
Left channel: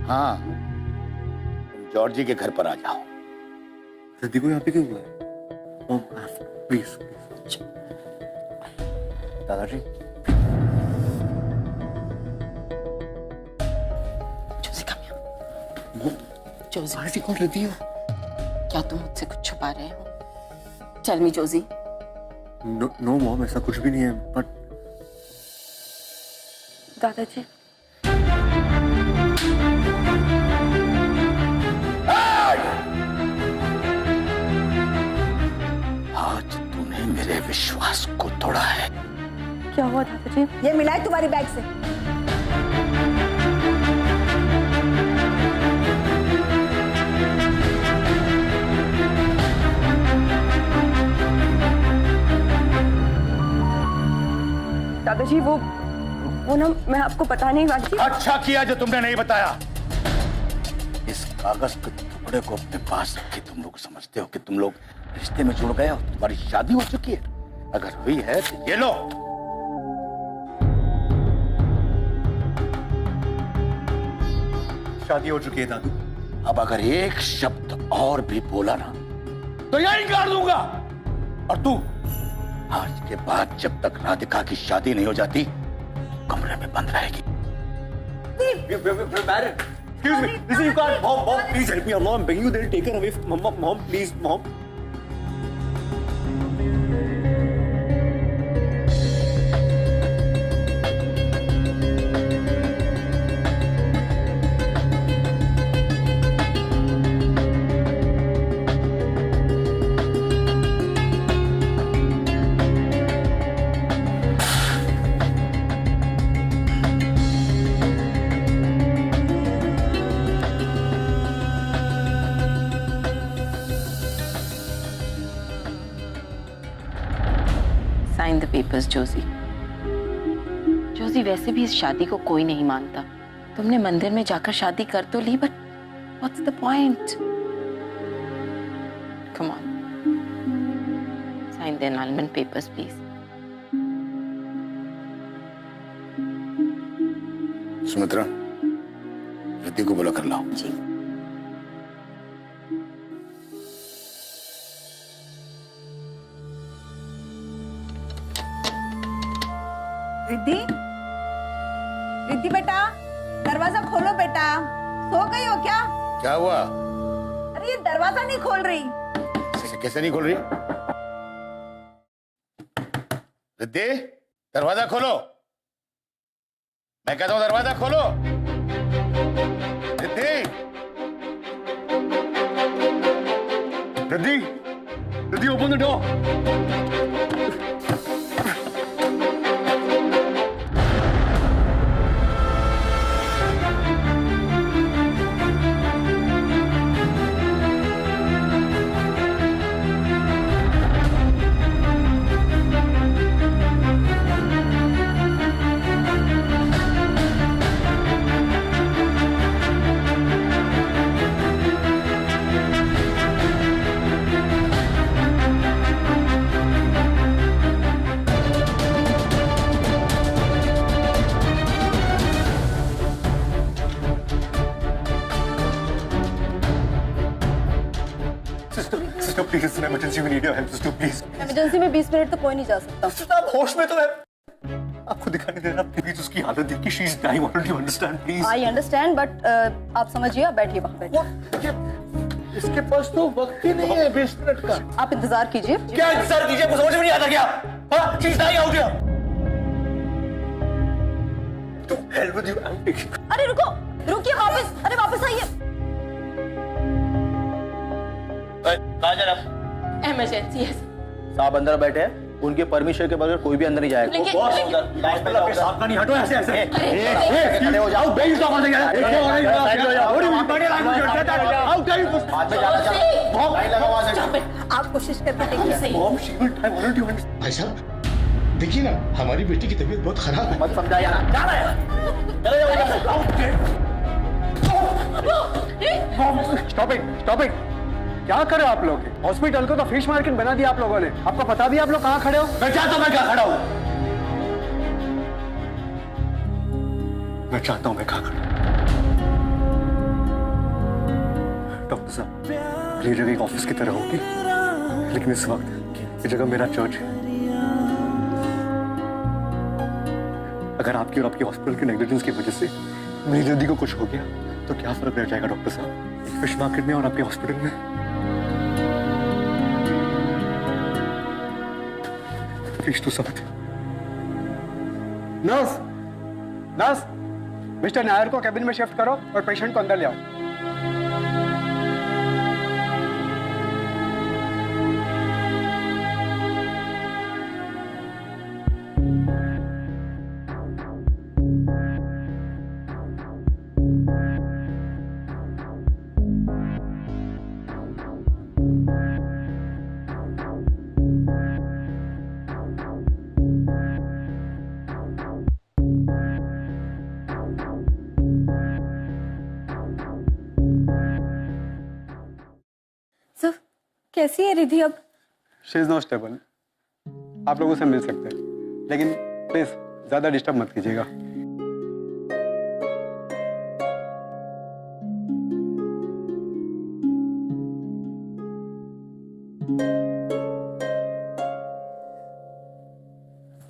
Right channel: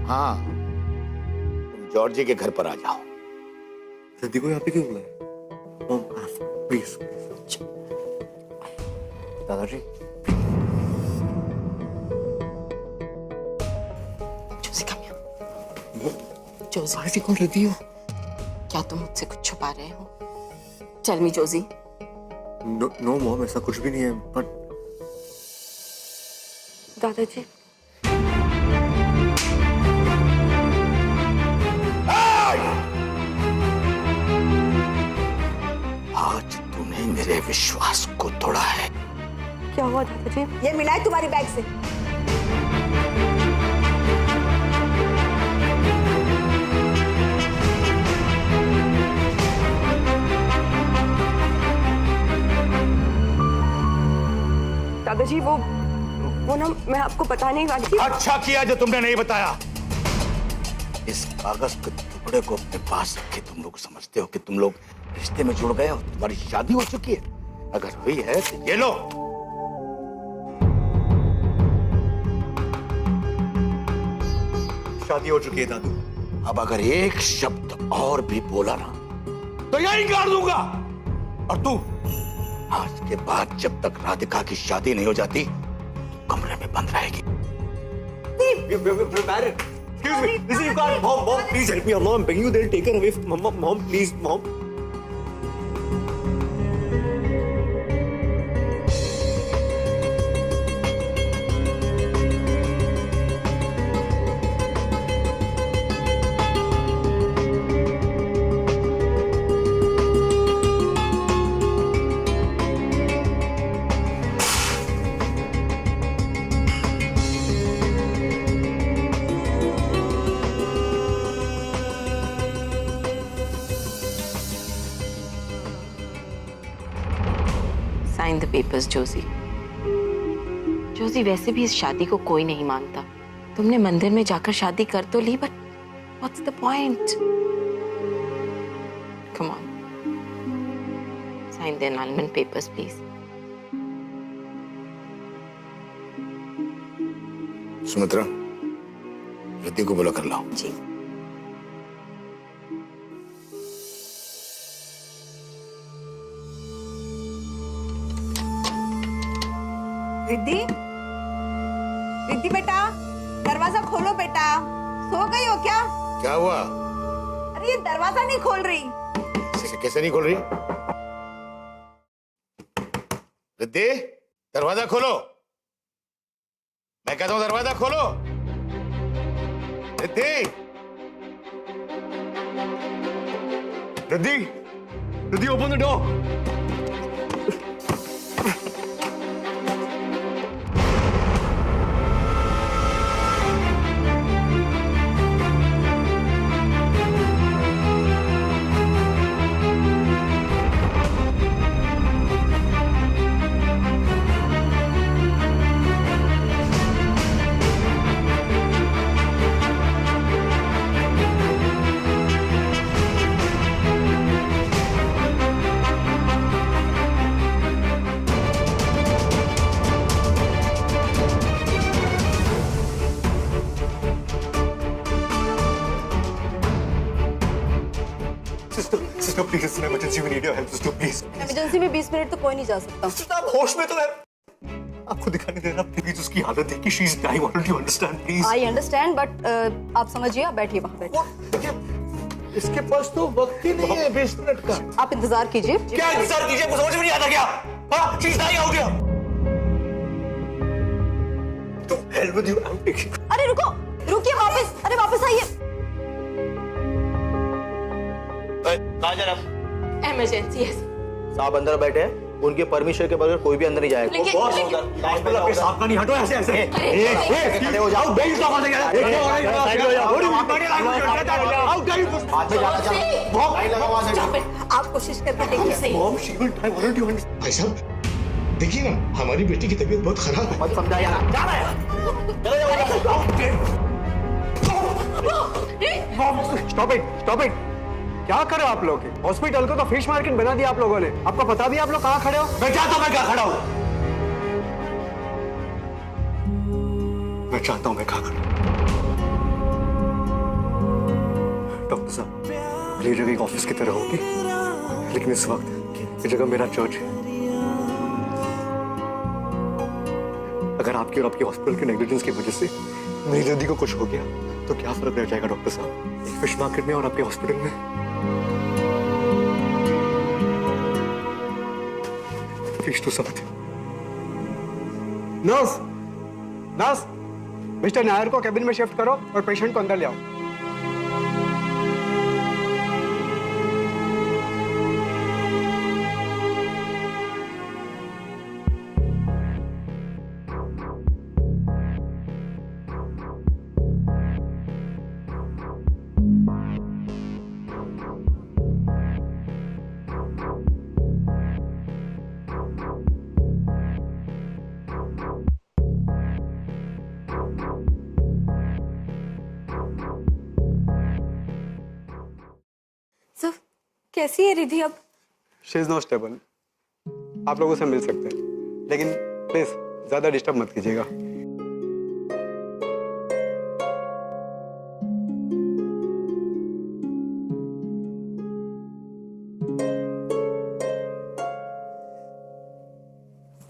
हाँ, तुम जॉर्जी के घर पर आ जाओ। रिद्धि को यहाँ पे क्यों बुलाया? Mom, please. दादाजी। Joshi, come here. जोशी, दादाजी कौन रिद्धि हो? क्या तुम मुझसे कुछ छुपा रहे हो? Tell me, Joshi. No mom, ऐसा कुछ भी नहीं है, बट दादाजी, आज तूने मेरे विश्वास को तोड़ा है। क्या हुआ दादाजी? ये मिला है तुम्हारी बैग से। दादाजी वो ना मैं आपको बताने ही वाली थी। अच्छा किया जो तुमने नहीं बताया। इस कागज के टुकड़े को अपने पास रखे तुम लोग समझते हो कि तुम लोग रिश्ते में जुड़ गए हो, तुम्हारी शादी हो चुकी है। अगर हुई है तो ये लो। शादी हो चुकी है दादू। अब अगर एक शब्द और भी बोला ना तो यही गाड़ दूंगा। और तू आज के बाद जब तक राधिका की शादी नहीं हो जाती तो कमरे में बंद रहेगी। Excuse me, listen, you can't. Mom, please help me. I'm begging you. They'll take her away. Mom, please, mom. Sign the papers, Joshi. Joshi, वैसे भी इस शादी को कोई नहीं मानता। तुमने मंदिर में जाकर शादी कर तो ली, but what's the point? Come on. Sign the annulment papers, please. Sumitra, Riddhi को बुला कर लाओ। जी। रिद्धि, रिद्धि बेटा, दरवाजा खोलो बेटा। सो गई हो क्या? क्या हुआ? अरे ये दरवाजा नहीं खोल रही। कैसे नहीं खोल रही? रिद्धि, दरवाजा खोलो। मैं कहता हूं दरवाजा खोलो। Riddhi, Riddhi, Riddhi, open the door. Sister please, it's an emergency, we need your help sister please. Emergency में 20 मिनट तो कोई नहीं जा सकता। सिस्टर आप होश में तो है, आपको दिखाई नहीं दे रहा? प्लीज उसकी हालत देखिए, she is dying, don't you understand please? I understand but आप समझिए, आप बैठिए वहाँ बैठिए। इसके पास तो वक्त ही नहीं है 20 मिनट का। आप इंतजार कीजिए। क्या इंतजार कीजिए, आपको समझ में नहीं आता क्या? हाँ, she is dying out here. To help with you, I am taking. अरे रुको, रुकिए वापस, अरे वापस आइए। कहाँ जा रहा? इमरजेंसी है। साहब अंदर बैठे हैं, उनके परमिशन के बगैर कोई भी अंदर नहीं जाएगा। लेकिन- बॉस लेकिन- उधर लाइन पे जाओ, साहब का नहीं, हटो ऐसे ऐसे। खड़े हो जाओ। साइड हो जाओ। How can you? बाद में जाना चाहो। लाइन लगा वहाँ से। आप कोशिश करके देखिए सही। Mom, she will die, what do you understand? भाई साहब देखिए ना, हमारी बेटी की तबीयत बहुत खराब है। मत समझा यार, जा रहा है। चले जाओ। Stop it. क्या कर रहे हो आप लोग? हॉस्पिटल को तो फिश मार्केट बना दिया आप लोगों ने। आपको पता भी आप लोग कहाँ खड़े हो? मैं चाहता हूं मैं कहां खड़ा हूं। मैं चाहता हूं मैं कहां खड़ा हूं। डॉक्टर साहब, ये जगह एक ऑफिस की तरह होगी, लेकिन इस वक्त ये जगह मेरा चर्च है। अगर आपकी और आपके हॉस्पिटल के नेग्लिजेंस की वजह से मेरी जल्दी को कुछ हो गया तो क्या फर्क रह जाएगा डॉक्टर साहब, एक फिश मार्केट में और आपके हॉस्पिटल में? Please do something. Nurse, mister Nair को कैबिन में शिफ्ट करो और पेशेंट को अंदर ले आओ। सर कैसी है रिधि अब? She is no stable. आप लोगों से मिल सकते हैं, लेकिन प्लीज ज्यादा डिस्टर्ब मत कीजिएगा।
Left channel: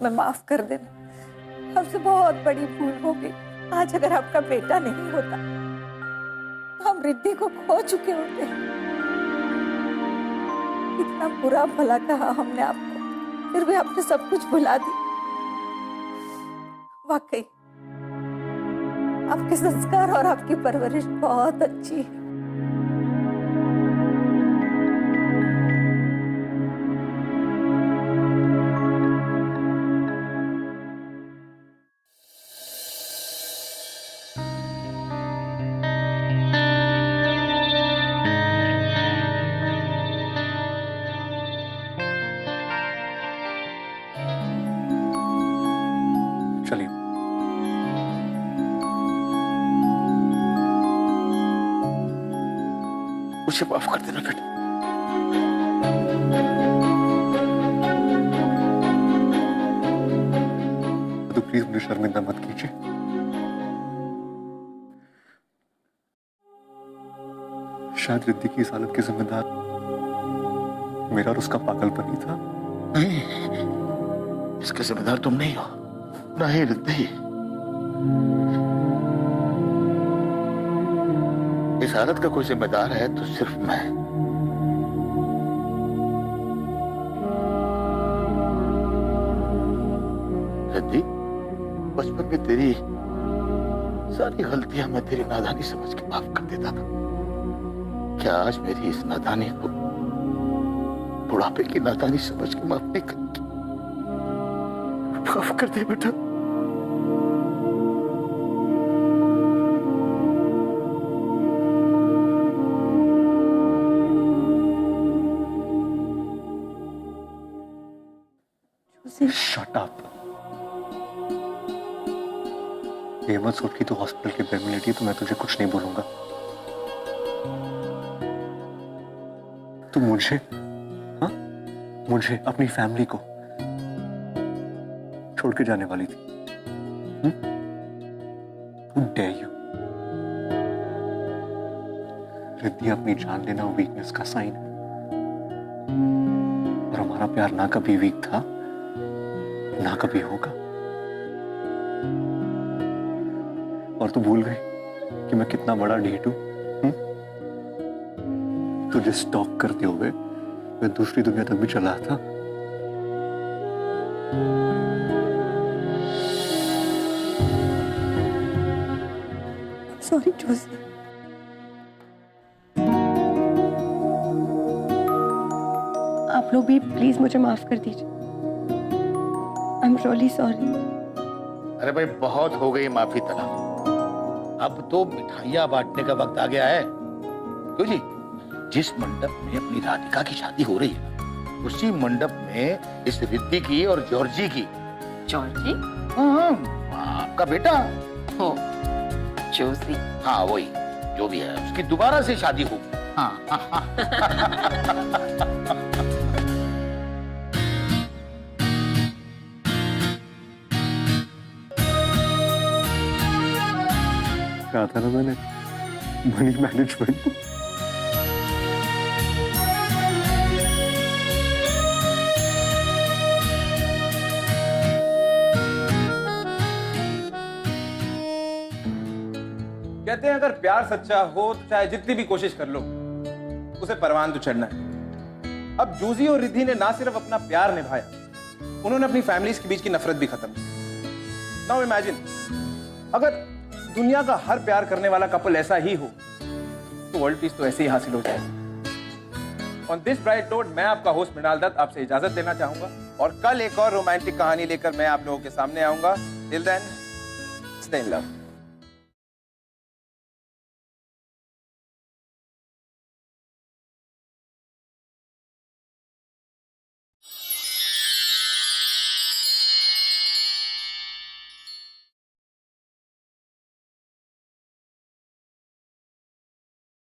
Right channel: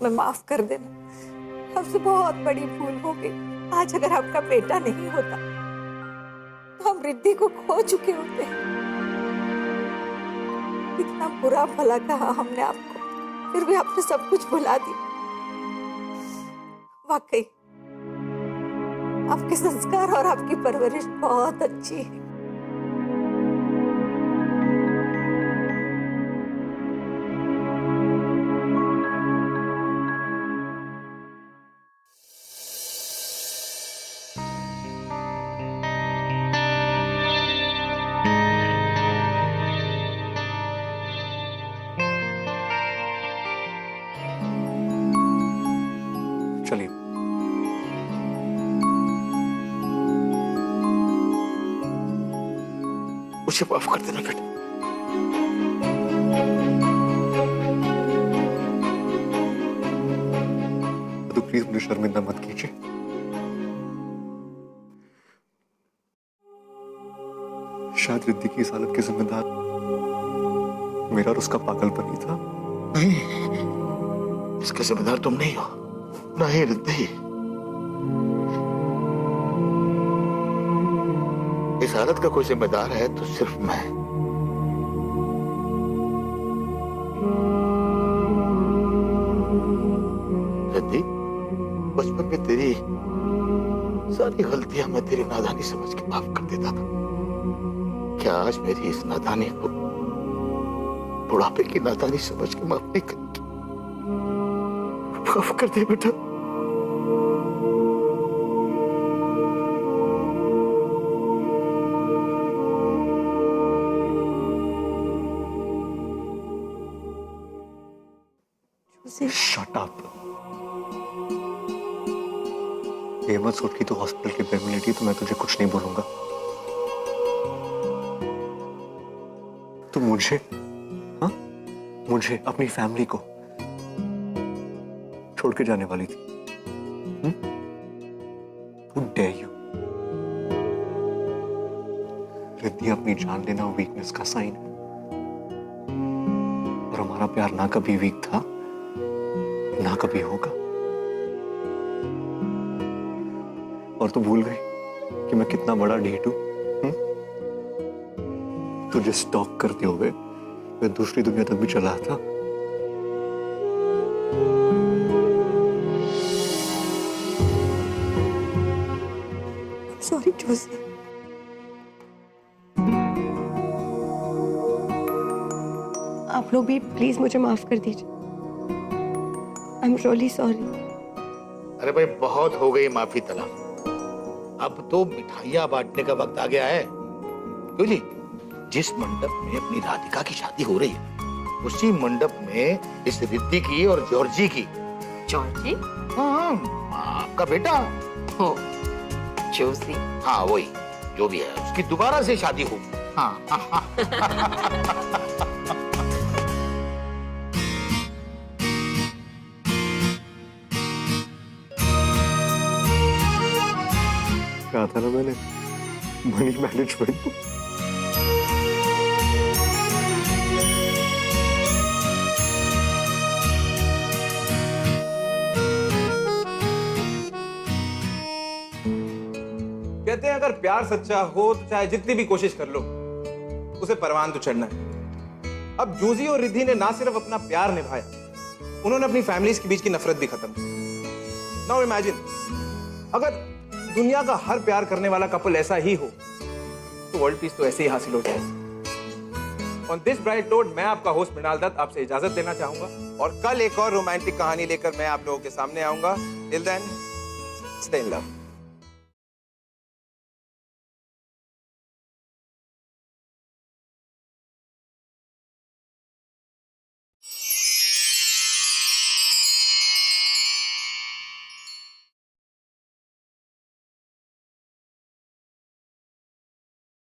मैं माफ कर देना, हमसे बहुत बड़ी भूल हो गई। आज अगर आपका बेटा नहीं होता तो हम रिद्धि को खो चुके होते। इतना बुरा भला कहा हमने आपको, फिर भी आपने सब कुछ भुला दी। वाकई आपके संस्कार और आपकी परवरिश बहुत अच्छी है। चलिए। मुझे माफ कर देना बेटा। तो प्लीज मुझे शर्मिंदा मत कीजिए। शायद रिद्धि की इस हालत के जिम्मेदार मेरा और उसका पागलपन ही था। नहीं, इसके जिम्मेदार तुम नहीं हो, नहीं रिद्धि। इस हालत का कोई जिम्मेदार है तो सिर्फ मैं। रिद्धि, बचपन में तेरी सारी गलतियां मैं तेरी नादानी समझ के माफ कर देता था। क्या आज मेरी इस नादानी को बुढ़ापे की नादानी समझ के माफ नहीं करेगी? माफ कर दे बेटा। Shut up. ये मत सोच कि तू हॉस्पिटल के बेड में लेटी तो मैं तुझे कुछ नहीं बोलूंगा। तू मुझे, हाँ, मुझे अपनी फैमिली को छोड़ के जाने वाली थी। Who dare you? रिद्धि, अपनी जान लेना वीकनेस का साइन है। और हमारा प्यार ना कभी वीक था, ना कभी होगा। और तू भूल गई कि मैं कितना बड़ा ढीठ हूं? तुझे स्टॉक करते हुए मैं दूसरी दुनिया तक भी चला था। सॉरी जोशी। आप लोग भी प्लीज मुझे माफ कर दीजिए। I am really sorry. अरे भाई बहुत हो गई माफी तलब, अब तो मिठाइयां बांटने का वक्त आ गया है। क्यों जी, जिस मंडप में अपनी राधिका की शादी हो रही है उसी मंडप में इस रिद्धि की और जॉर्जी की। जॉर्जी? हाँ, आपका बेटा हो, जोशी। हाँ वही, जो भी है उसकी दोबारा से शादी होगी। हाँ कहा था ना मैंने, मनी मैनेजमेंट। कहते हैं अगर प्यार सच्चा हो तो चाहे जितनी भी कोशिश कर लो उसे परवान तो चढ़ना है। अब जूजी और रिद्धि ने ना सिर्फ अपना प्यार निभाया, उन्होंने अपनी फैमिलीज के बीच की नफरत भी खत्म की। नाउ इमेजिन, अगर दुनिया का हर प्यार करने वाला कपल ऐसा ही हो तो वर्ल्ड पीस तो ऐसे ही हासिल हो जाए। ऑन दिस ब्राइट नोट मैं आपका होस्ट मृणाल दत्त आपसे इजाजत लेना चाहूंगा और कल एक और रोमांटिक कहानी लेकर मैं आप लोगों के सामने आऊंगा। Till then, stay in love.